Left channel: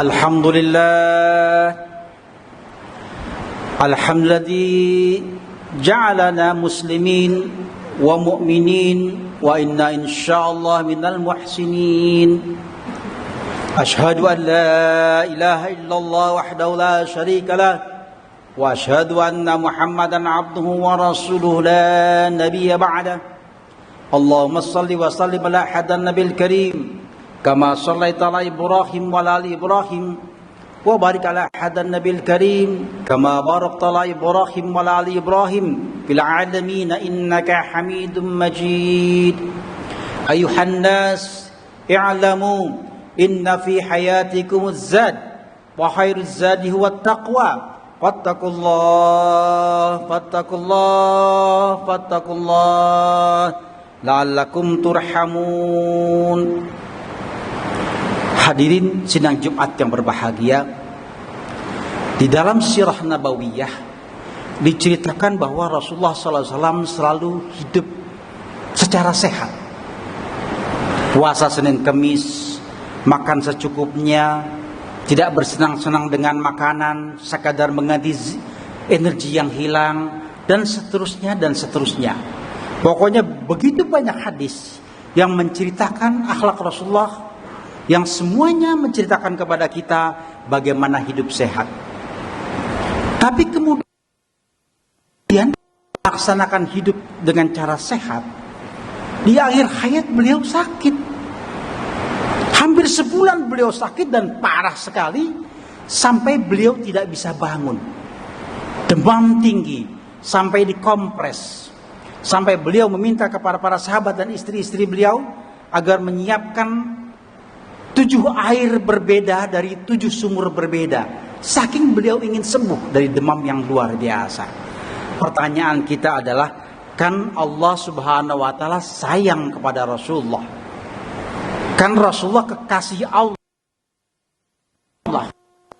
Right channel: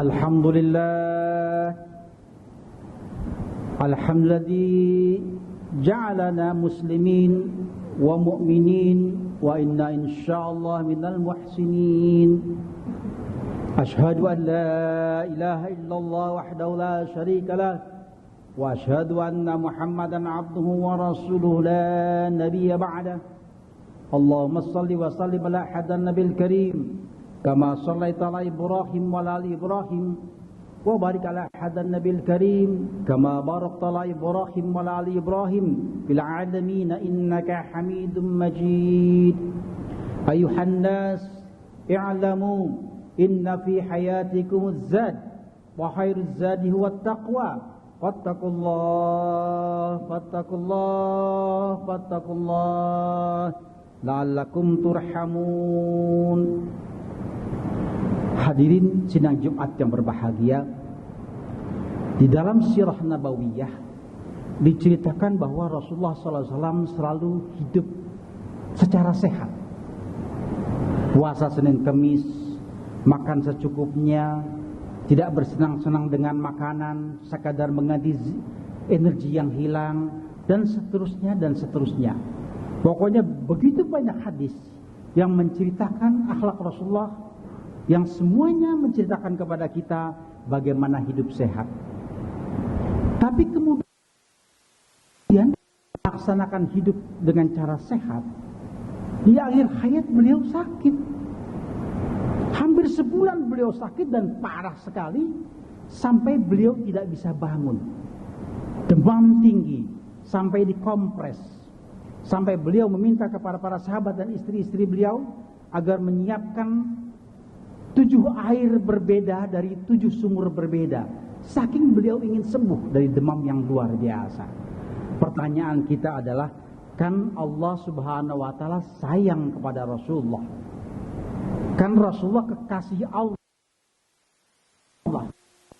Alhamdulillah, alhamdulillah ja'alana muslimin wa mu'minin wa inna insyaallah minal muhsinin. Ashhadu an la ilaha illallah wahdahu la syarika lah wa ashhadu anna Muhammadan abduhu wa rasuluhu la nabiyya ba'dah. Allahumma salli wa sallim ala hadan nabil karim kama sallaita ala Ibrahim wa ala ali Ibrahim wa barik ala hadan nabil karim kama barakta ala Ibrahim wa ala ali Ibrahim fil alamin innaka Hamidum Majid. Ayuhan nas i'lamu inna fi hayatikumuz zad wa khairuz zadi huwa taqwa fattakullah la'allakum turhamun. Hadirin sidang Jumat yang berbahagia, di dalam sirah nabawiyah diceritakan bahwa Rasulullah SAW selalu hidup secara sehat. Puasa Senin Kemis, makan secukupnya, tidak bersenang-senang dengan makanan, sekadar mengganti energi yang hilang, dan seterusnya dan seterusnya. Pokoknya begitu banyak hadis yang menceritakan akhlak Rasulullah, yang semuanya menceritakan kepada kita bagaimana hidup sehat. Tapi kemudian melaksanakan hidup dengan cara sehat, di akhir hayat beliau sakit. Hampir sebulan beliau sakit dan parah sekali, sampai beliau tidak bisa bangun. Demam tinggi, sampai dikompres. Sampai beliau meminta kepada para sahabat dan istri-istri beliau agar menyiapkan 7 air berbeda dari 7 sumur berbeda. Saking beliau ingin sembuh dari demam yang luar biasa. Pertanyaan kita adalah, kan Allah Subhanahu wa taala sayang kepada Rasulullah? Kan Rasulullah kekasih Allah,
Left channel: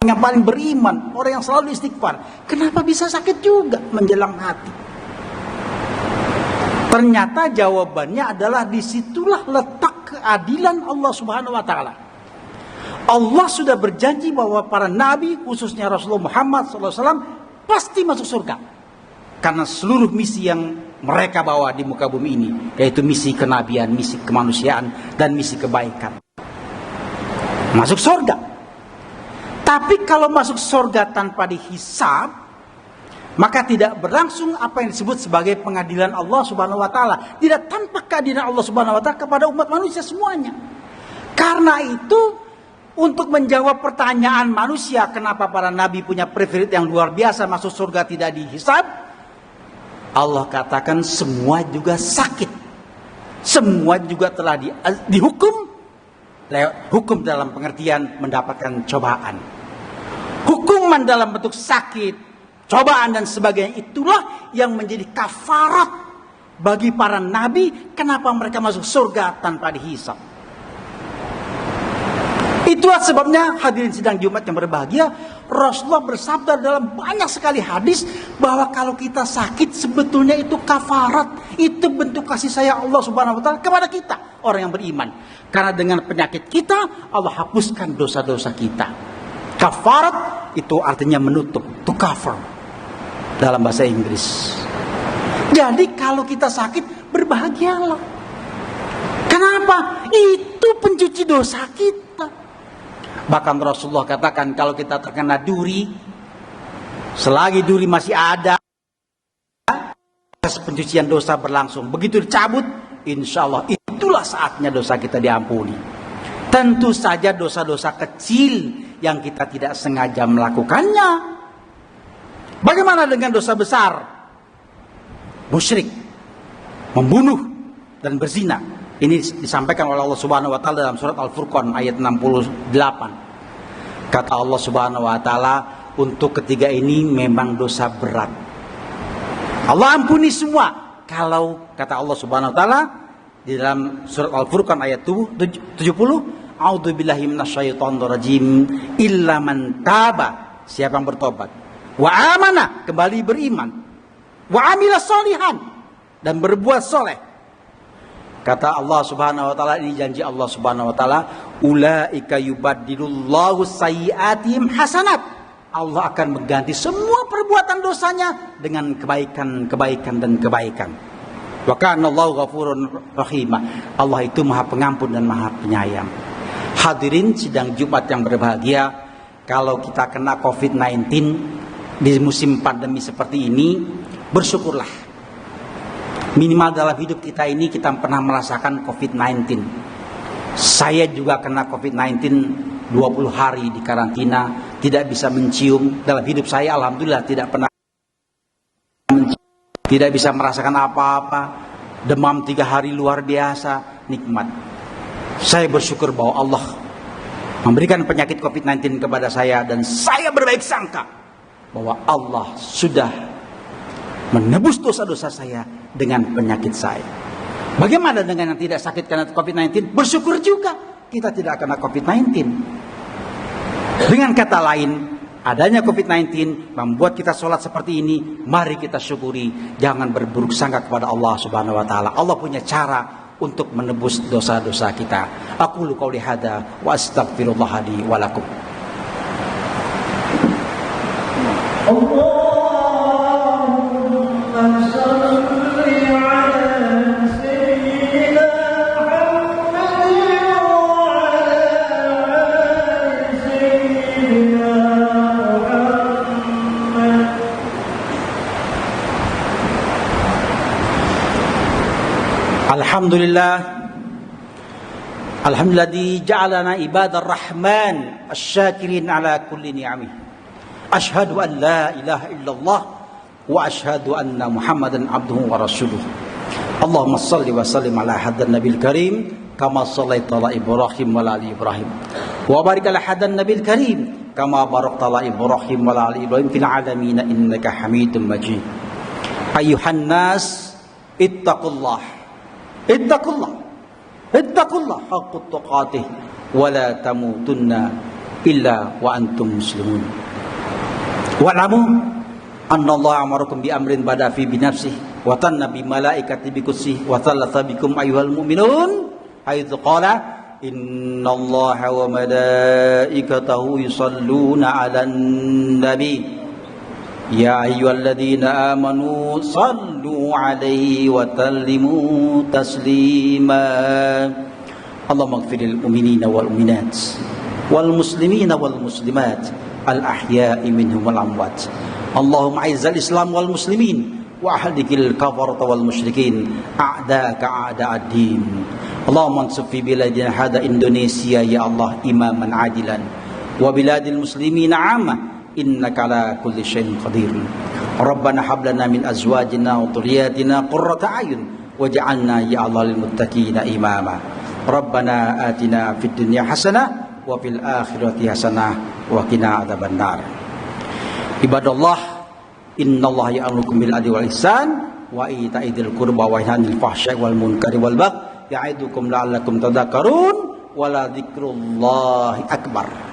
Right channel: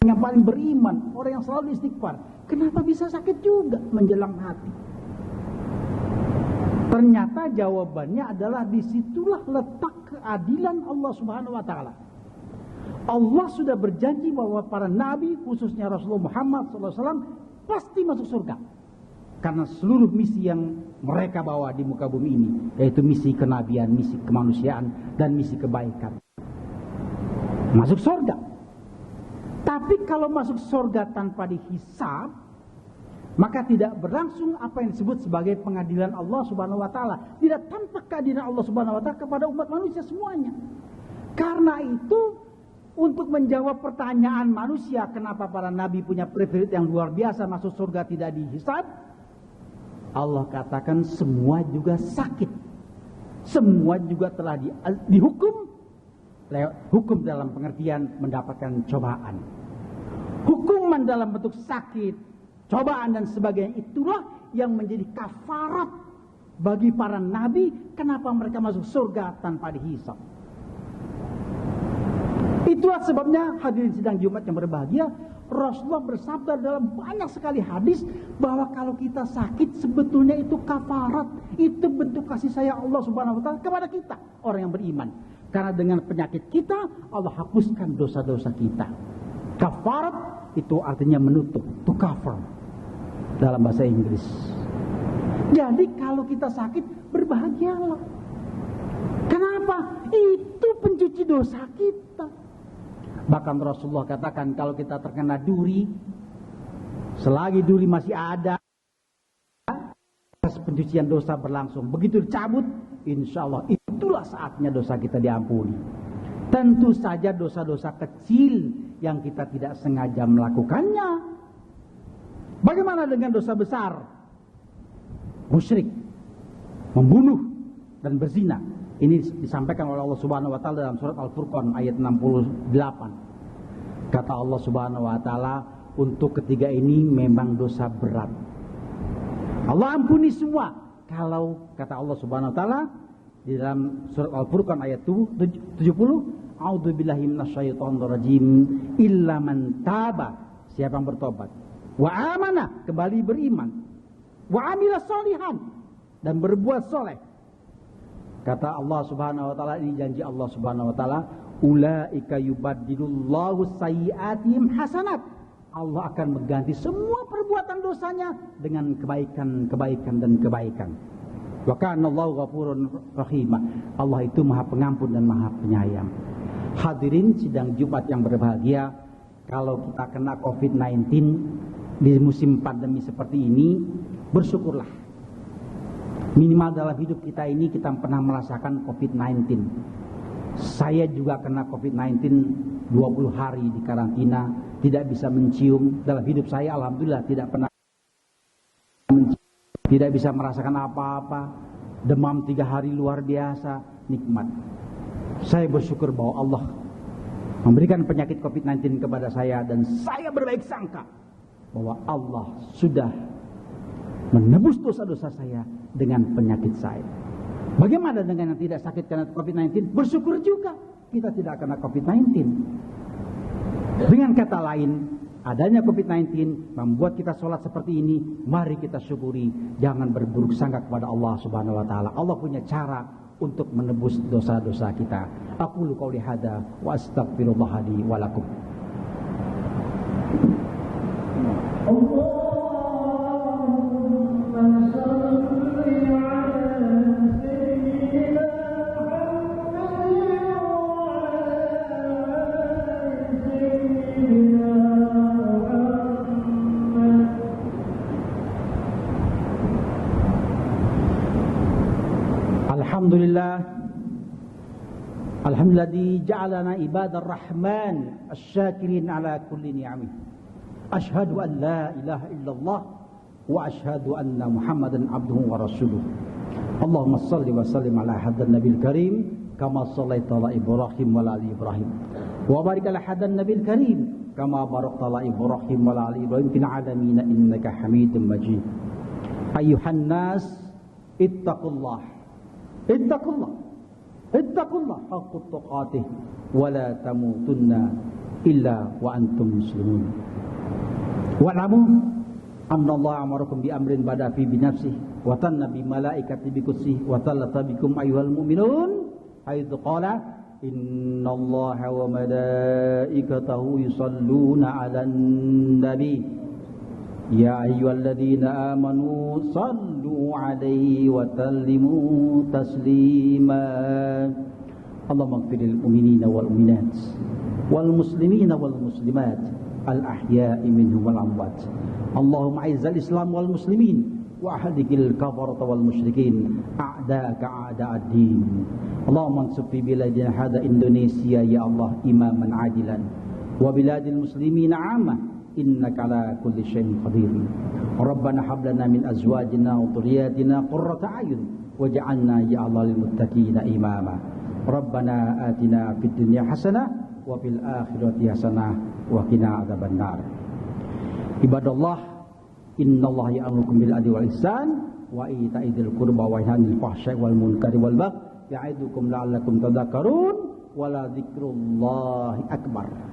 yang paling beriman, orang yang selalu istighfar. Kenapa bisa sakit juga menjelang hati? Ternyata jawabannya adalah disitulah letak keadilan Allah Subhanahu wa taala. Allah sudah berjanji bahwa para nabi, khususnya Rasulullah Muhammad SAW, pasti masuk surga. Karena seluruh misi yang mereka bawa di muka bumi ini, yaitu misi kenabian, misi kemanusiaan, dan misi kebaikan. Masuk surga. Tapi kalau masuk surga tanpa dihisab, maka tidak berlangsung apa yang disebut sebagai pengadilan Allah Subhanahu wa taala. Tidak tampak keadilan Allah Subhanahu wa taala kepada umat manusia semuanya. Karena itu, untuk menjawab pertanyaan manusia kenapa para nabi punya privilege yang luar biasa masuk surga tidak dihisab, Allah katakan semua juga sakit. Semua juga telah dihukum. Hukum dalam pengertian mendapatkan cobaan. Hukuman dalam bentuk sakit, cobaan dan sebagainya, itulah yang menjadi kafarat bagi para nabi kenapa mereka masuk surga tanpa dihisab. Itulah sebabnya hadirin sidang Jumat yang berbahagia, Rasulullah bersabda dalam banyak sekali hadis bahwa kalau kita sakit sebetulnya itu kafarat, itu bentuk kasih sayang Allah Subhanahu wa taala kepada kita, orang yang beriman. Karena dengan penyakit kita Allah hapuskan dosa-dosa kita. Kafarat itu artinya menutup, to cover dalam bahasa Inggris. Jadi kalau kita sakit, berbahagialah. Kenapa? Itu pencuci dosa kita. Bahkan Rasulullah katakan kalau kita terkena duri, selagi duri masih ada, proses pencucian dosa berlangsung. Begitu dicabut, insya Allah itulah saatnya dosa kita diampuni. Tentu saja dosa-dosa kecil yang kita tidak sengaja melakukannya. Bagaimana dengan dosa besar? Musyrik, membunuh, dan berzina. Ini disampaikan oleh Allah Subhanahu wa taala dalam surat Al-Furqan ayat 68. Kata Allah Subhanahu wa taala, untuk ketiga ini memang dosa berat. Allah ampuni semua. Kalau kata Allah Subhanahu wa taala di dalam surat Al-Furqan ayat 70, a'udzubillahi minasyaitonir rajim, illa man taba, siapa yang bertobat, wa amana, kembali beriman, wa amila sholihan, dan berbuat soleh, Kata Allah Subhanahu wa taala, ini janji Allah Subhanahu wa taala, ulaika yubaddilullahu sayyi'atihim hasanat. Allah akan mengganti semua perbuatan dosanya dengan kebaikan dan kebaikan. Wa kana Allahu ghafurun rahim. Allah itu Maha Pengampun dan Maha Penyayang. Hadirin sidang Jumat yang berbahagia, kalau kita kena COVID-19 di musim pandemi seperti ini, bersyukurlah. Minimal dalam hidup kita ini kita pernah merasakan COVID-19. Saya juga kena COVID-19 20 hari di karantina, tidak bisa mencium. Dalam hidup saya alhamdulillah tidak pernah mencium, tidak bisa merasakan apa-apa. Demam 3 hari luar biasa, nikmat. Saya bersyukur bahwa Allah memberikan penyakit COVID-19 kepada saya, dan saya berbaik sangka bahwa Allah sudah menebus dosa-dosa saya dengan penyakit saya. Bagaimana dengan yang tidak sakit karena COVID-19? Bersyukur juga kita tidak kena COVID-19. Dengan kata lain, adanya COVID-19 membuat kita sholat seperti ini. Mari kita syukuri, jangan berburuk sangka kepada Allah Subhanahu wa taala. Allah punya cara untuk menebus dosa-dosa kita. Aqulu qouli hadza wa astaghfirullah li wa lakum. Alhamdulillah ja'alana ibadar rahman asy-syakirin ala kulli ni'amih. Asyhadu an la ilaha illallah wa asyhadu anna Muhammadan abduhu wa rasuluh. Allahumma shalli wa sallim ala hadan nabil karim kama shallaita ala Ibrahim wa ala ali Ibrahim. Wa barik ala hadan nabil karim kama barakta ala Ibrahim wa ala ali Ibrahim fil alamin innaka Hamidum Majid. Ayuhan nas ittaqullah. Ittaqullah haqqut tuqatih wa la tamutunna illa wa antum muslimun. Wa'lamu anna Allah amarakum bi amrin bada fi binafsihi wa tanna bi malaikati bi kutsihi wa thalatha bikum ayyuhal mu'minun haitsu qala innallaha wa malaikatahu yusalluna 'alan nabi ya ayyuhalladzina amanu sallu 'alaihi wa sallimu taslima. Allahumma ighfirlil mu'minina wal mu'minat wal muslimina wal muslimat al ahya'i minhum wal amwat. Allahumma izzal islam wal muslimin wa ahdikil kafarata wal musyrikin a'daka a'da'ad-din. Allahumma ansur fi biladina hada Indonesia ya Allah imaman adilan wa biladil muslimina 'amma innaka ala kulli syai'in qadir. Rabbana hab lana min azwajina wa dhurriyyatina qurrata a'yun waj'alna ya Allah lil muttaqina imama. Rabbana atina fid dunya hasanah wa fil akhirati hasanah wa qina adzabannar. Ibadallah, innallaha ya'murukum bil adli wal ihsan wa ita'i dzil qurba wa yanha 'anil fahsya'i wal munkari wal baghi ya'idukum la'allakum tadhakkarun wa la dzikrullahi akbar.